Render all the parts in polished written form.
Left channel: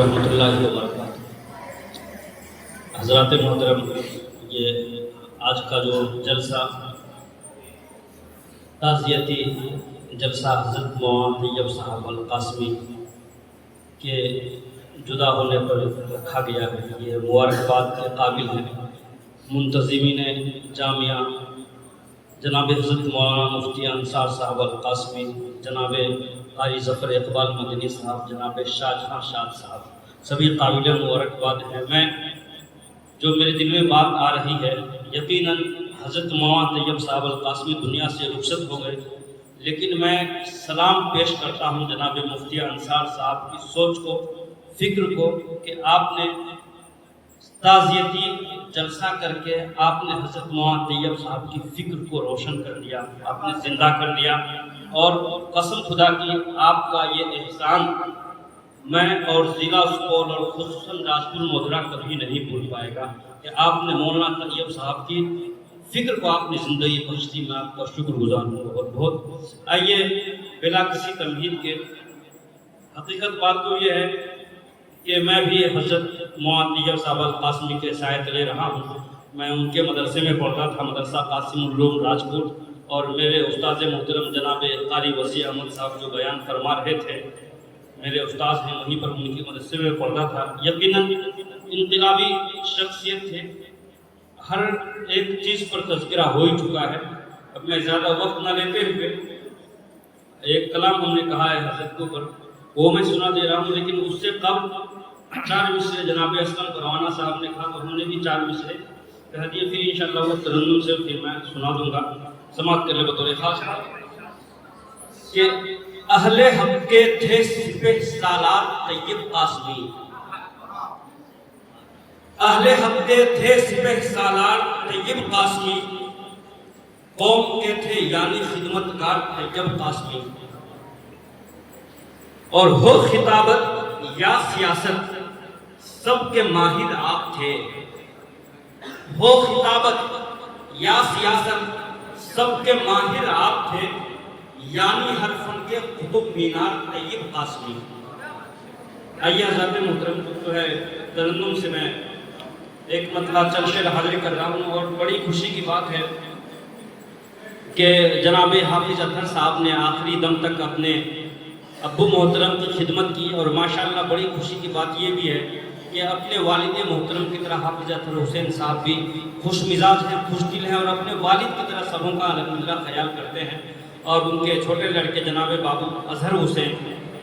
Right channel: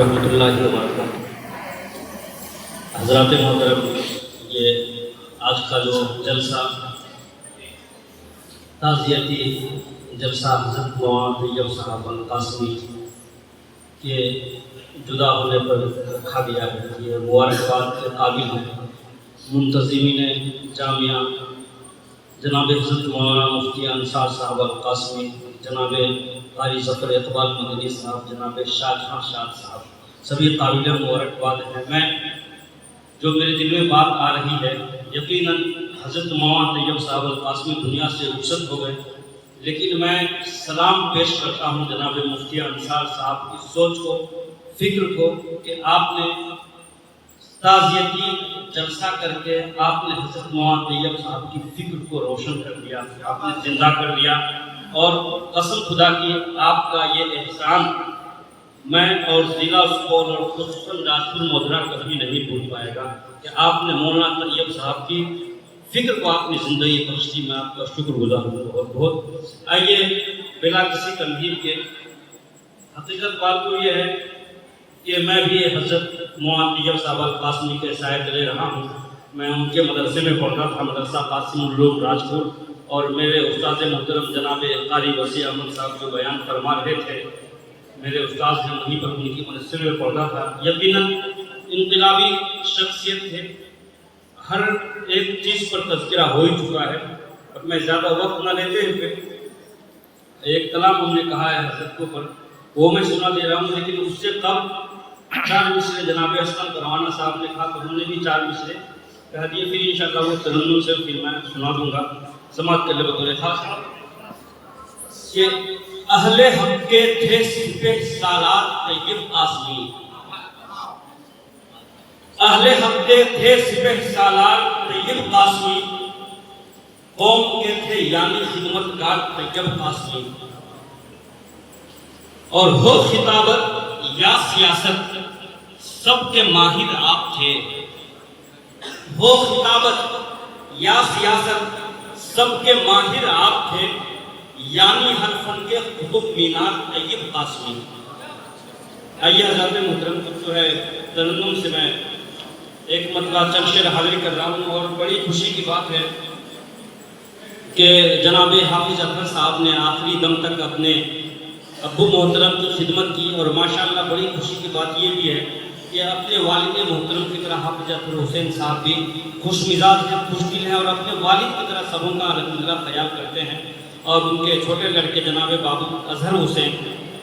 رحمۃ اللہ وبرکاتہ۔ حضرات محترم، یہ آج کا جو جلسہ تعزیتی جلسہ حضرت مولانا طیب صاحب القاسمی کے جدا ہونے پر رکھا گیا ہے، یہ مبارکباد کے قابل ہے۔ منتظمین جامعہ جناب حضرت مولانا مفتی انصار صاحب القاسمی، جناب قاری ظفر اقبال مدنی صاحب، جناب شاہ جہاں شاہ صاحب، سبھی قابل مبارکباد ہیں۔ میں جو میرے دل میں بات آ رہی ہے، یقیناً حضرت مولانا طیب صاحب القاسمی دنیا سے رخصت ہو گئے، لیکن میں سلام پیش کرتا ہوں جناب مفتی انصار صاحب کی سوچ کو، فکر کو، کہ آپ نے تعزیتی جلسہ کر کے آپ نے حضرت مولانا طیب صاحب کی فکر کو روشن کر دیا، آپ نے زندہ کر دیا، اور قسم خدا کی آپ کا یہ احسان میں اور ضلع سپول اور خصوصاً راجپور مدرہ کبھی نہیں بھول پائے گا کہ آپ نے مولانا طیب صاحب کی فکر کو اپنی زندگی بخشی۔ میں آپ کا شکر گزار ہوں بہت بہت۔ آئیے بلا کسی تمہید کے، حقیقت بات تو یہ ہے کہ میں بھی حضرت مولانا طیب صاحب القاسمی کے سائے تلے رہا ہوں۔ میں ان کے مدرسے میں پڑھتا تھا، مدرسہ قاسم العلوم راجپور، اور میرے استاد محترم جناب قاری وسیع احمد صاحب جو بیان فرما رہے تھے، میرے استاد ہیں، وہیں پر ان کی مدرسے میں پڑھتا تھا۔ یقیناً انقلابی شخصیت تھے، ہر ایک چیز پر تذکرہ ہو ہی چکا ہے۔ اب میں زیادہ وقت نہ لیتے ہوئے ایک کلام ہم نے کہا ہے حضرت کو پر، وہ میں سنا دے رہا ہوں، لیکن اس سے قبل 4 مصرے جناب اسلم پروانہ صاحب نے کہا تو ہم نے بھی 4 مصرے کہہ دیے، پھر انشاءاللہ وہ ترنم سے پھر میں سنا دوں گا۔ سماعت کر لے بطور خاص کہ اہل حق کے تھے سپہ سالار طیب قاسمی، اہل حق کے تھے سپہ سالار طیب قاسمی، قوم کے تھے یعنی خدمت گار طیب قاسمی، اور ہو خطابت یا سیاست سب کے ماہر آپ تھے، ہو خطابت یا سیاست سب کے ماہر آپ تھے، یعنی ہر فن کے قطب مینار طیب قاسمی۔ آئیے حضرات محترم، جو ہے ترنم سے میں ایک مطلب چند شعر حاضر کر رہا ہوں، اور بڑی خوشی کی بات ہے کہ جناب حافظ اطہر صاحب نے آخری دم تک اپنے ابو محترم کی خدمت کی، اور ماشاءاللہ بڑی خوشی کی بات یہ بھی ہے کہ اپنے والد محترم کی طرح حافظ اطہر حسین صاحب بھی خوش مزاج ہیں، خوش دل ہیں، اور اپنے والد کی طرح سبوں کا الحمدللہ خیال کرتے ہیں، اور ان کے چھوٹے لڑکے جناب بابو اظہر حسین،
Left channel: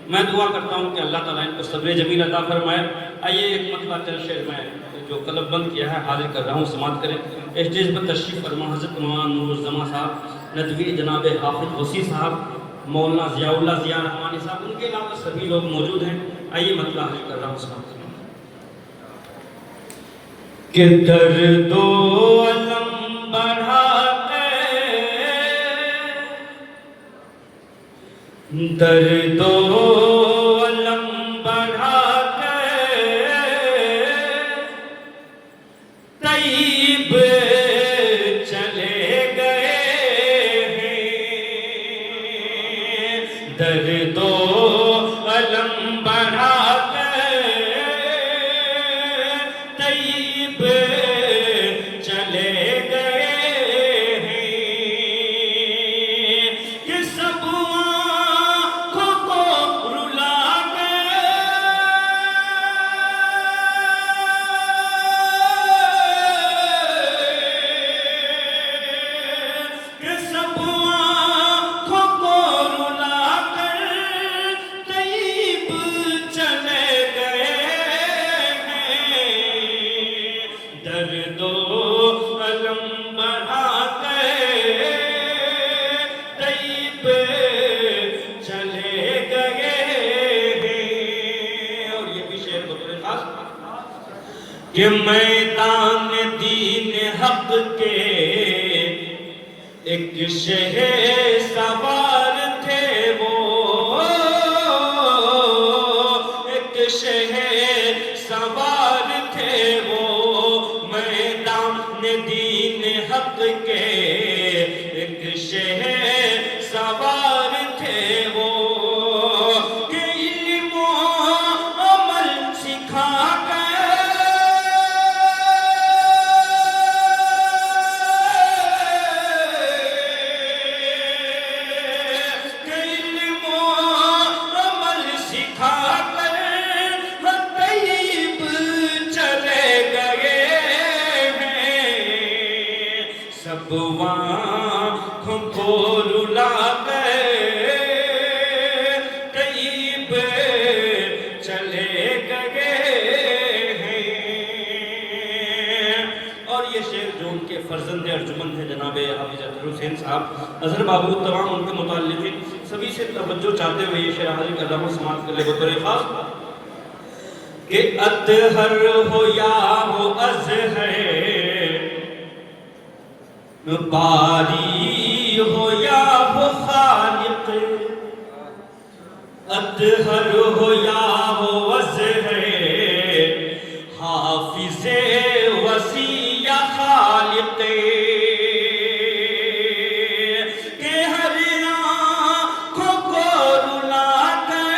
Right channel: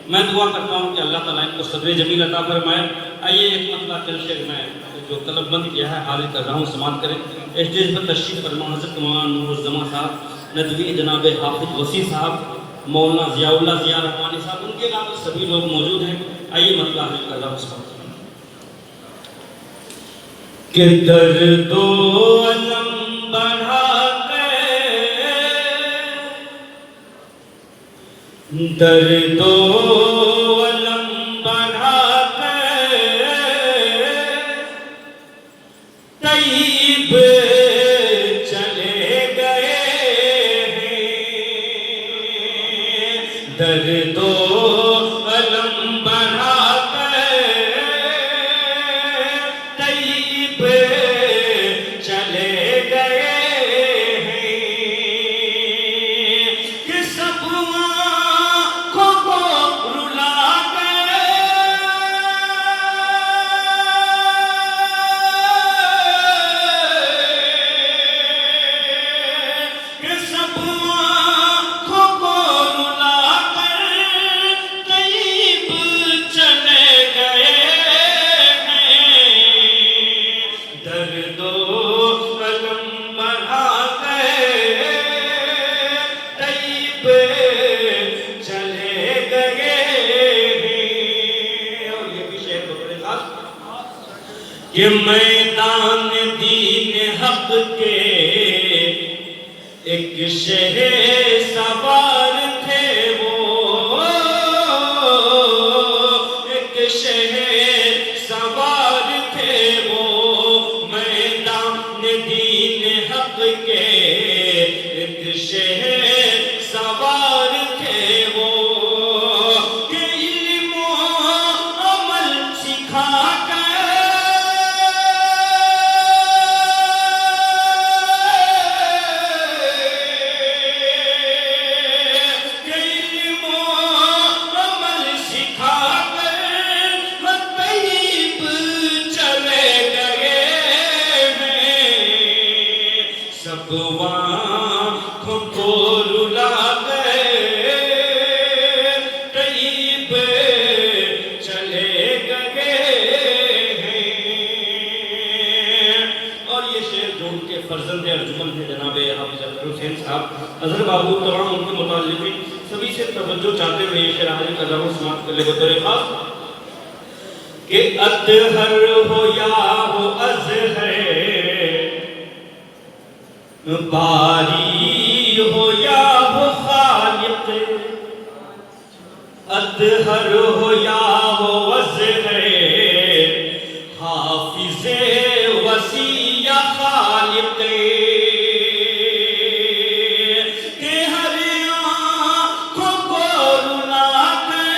میں دعا کرتا ہوں کہ اللہ تعالیٰ ان کو صبر جمیل عطا فرمائے۔ آئیے ایک مطلب چند شعر میں جو قلم بند کیا ہے حاضر کر رہا ہوں، سماعت کریں۔ اسٹیج پر تشریف فرما حضرت مولانا نور الزما صاحب ندوی، جناب حافظ وسیع صاحب، مولانا ضیاء اللہ ضیاء رحمانی صاحب، ان کے علاوہ سبھی لوگ موجود ہیں۔ آئیے مطلب حاضر کر رہا ہوں، سماعت کہ درد و علم بڑھاتے، درد و علم بڑھاتے طیب چلے گئے ہیں، درد و علم بڑھاتے طیب چلے گئے ہیں، کہ سب آنکھوں کو رلا گئے، کہ سب آنکھوں کو رلا کر طیب چلے گئے ہیں، درد و علم بڑھاتے طیب چلے گئے ہیں۔ اور یہ بھی شعر بطور خاص کہ میدان دین حق کے ایک شہر سوار تھے وہ، ایک شہر سوار تھے وہ، میدان دین حق کے ایک شہر سوار تھے وہ، کہ علم و عمل سربرند ارجمن ہے جناب حافظ اختر حسین صاحب، اظہر بابو، تمام ان کے متعلقین سبھی سے توجہ چاہتے ہوئے یہ شعر حاضری کا دعوت سماعت کر لے بطور خاص کہ اطہر ہو یا ہو ازہر، باری ہو یا ہو خالق، اطہر ہو یا ہو ازہر، حافظ وسیع یا خالق، کہ ہر آنکھوں کو رلا دے،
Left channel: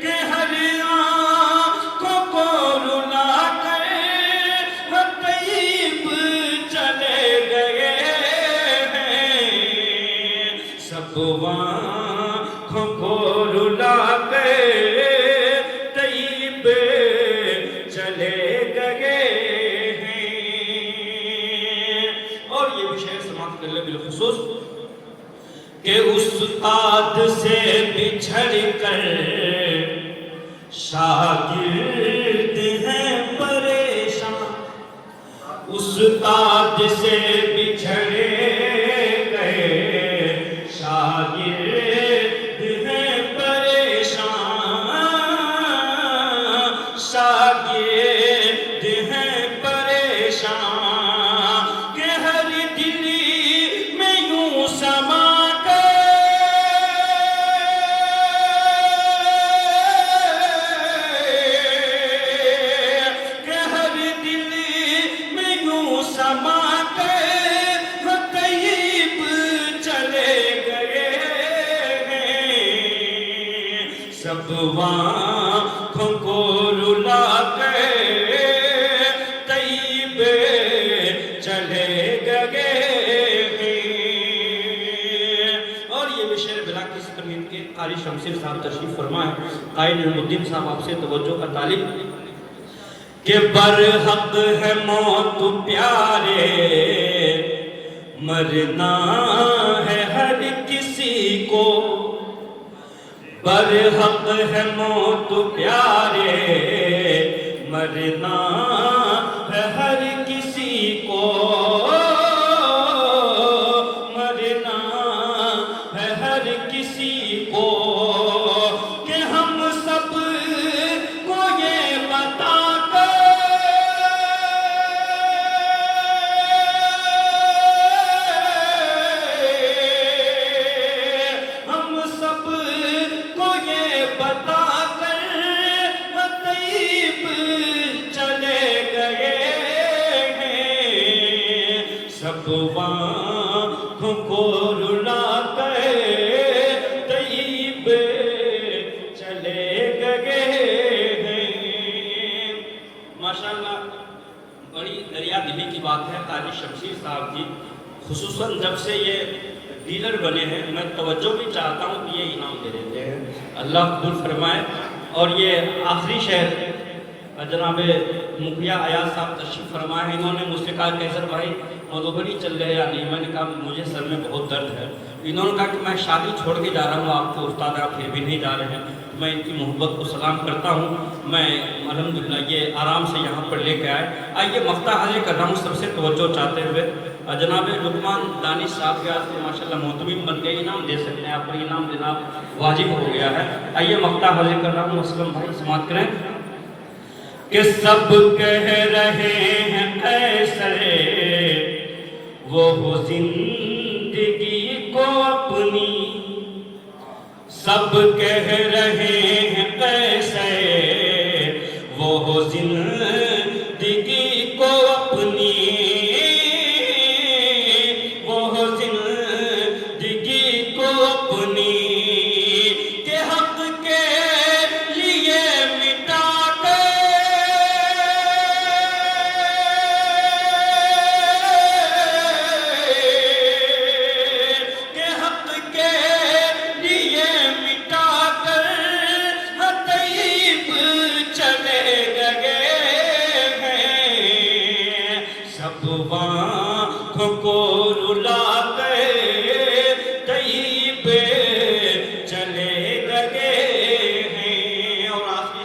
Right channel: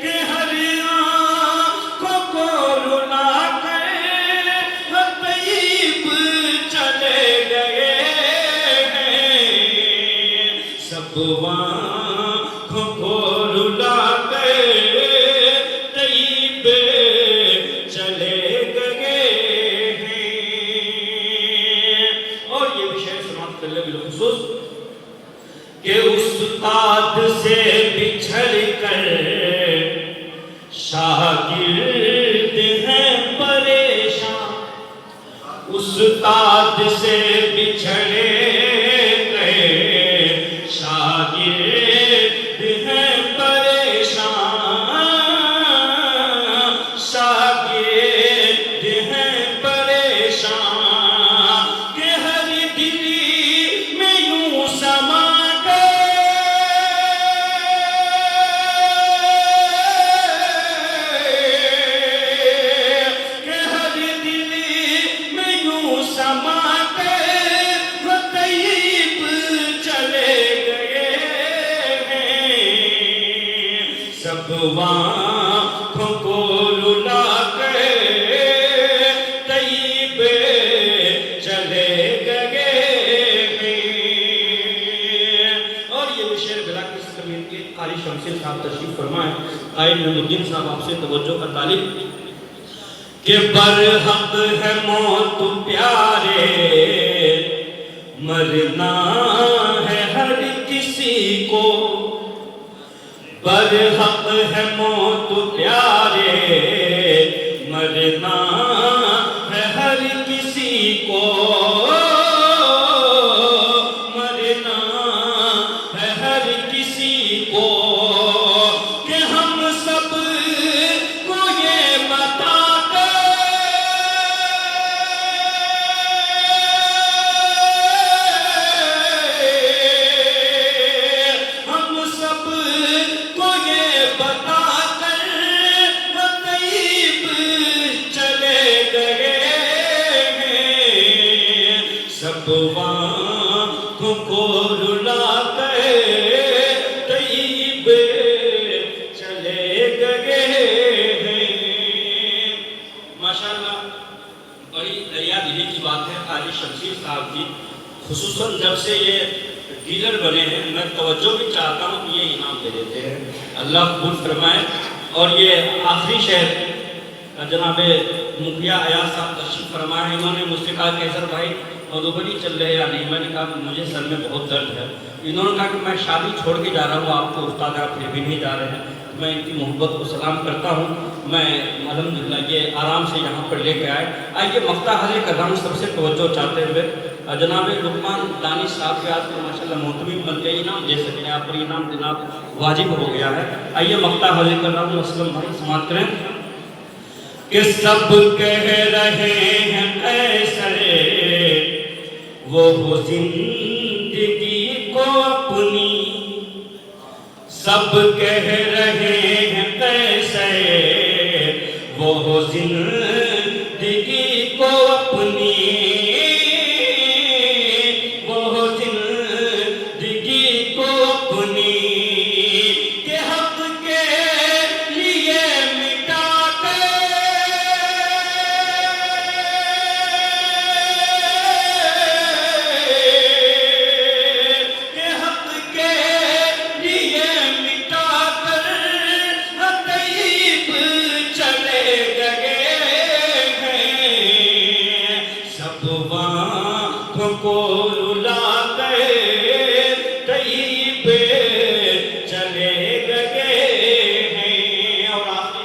کہ ہر آنکھوں کو رلا دے، طیب چلے گئے ہیں، سب آنکھوں کو رلا کے طیب چلے گئے ہیں۔ اور یہ بھی شعر سماعت کر لے بالخصوص کہ استاد سے بچھڑ کر شاگرد ہیں پریشان، استاد سے بچھڑے گئے شاگرد ہیں پریشان، شاگرد ہیں پریشان، کہ ہر دلی میں یوں سما گئے، کہ ہر دلی میں یوں سما گئے، طیب چلے گئے ہیں، سب آنکھوں کو رلا کے طیب چلے گئے ہیں۔ اور یہ بھی شعر بلا کسی زمین کے قاری شمشیر صاحب تشریف فرما ہے، قائد نعیم الدین صاحب آپ سے توجہ کا طالب کہ برحق ہے موت پیارے، مرنا ہے ہر کسی کو، برحق ہے موت پیارے، مرنا ہے ہر کسی کو، مرنا ہے ہر کسی کو، کہ ہم سب کو یہ بتا دے، ہم سب کو یہ بتا کر طیب چلے گئے ہیں، سب آنکھوں کو رلا کے طیب چلے گئے ہیں۔ ماشاءاللہ بڑی دریا دلی کی بات ہے قاری شمشیر صاحب کی، خصوصاً جب سے یہ ڈیلر بنے ہیں، میں توجہ بھی چاہتا ہوں کہ یہ انعام دے دیتے ہیں، اللہ قبول فرمائے۔ اور یہ آخری شعر جناب مکھیا ایاز صاحب تشریف فرمائے ہیں، انہوں نے مجھ سے کہا کہ حضرت بھائی مدھوبنی چل رہے یا نہیں؟ میں نے کہا مجھے سر میں بہت درد ہے۔ انہوں نے کہا کہ میں شادی چھوڑ کے جا رہا ہوں، آپ کو استاد آپ پھر بھی نہیں جا رہے ہیں، میں ان کی محبت کو سلام کرتا ہوں، میں الحمدللہ یہ آرام سے یہاں پر لے کے آئے۔ آئیے مقطع حاضر کر رہا ہوں سب سے توجہ چاہتے ہوئے، جناب لقمان دانش صاحب کے آج کو ماشاءاللہ محتمم بن گئے، انعام دے سکتے ہیں آپ پر، انعام دینا واجب ہو گیا ہے۔ آئیے مقطع حاضر کر رہا ہوں، اسلم بھائی سماعت کریں کہ سب کہہ رہے ہیں قیصر وہ ہو زندگی کو اپنی، سب کہہ رہے ہیں قیصر وہ ہو زندگی کو اپنی، وہ ہو زندگی کو اپنی، کہ حق کے لیے مٹا کے، کہ حق کے لیے مٹا کر طیب چلے گئے ہیں، سب آنکھوں کو رلا کے طیب چلے گئے ہیں۔ اور آخری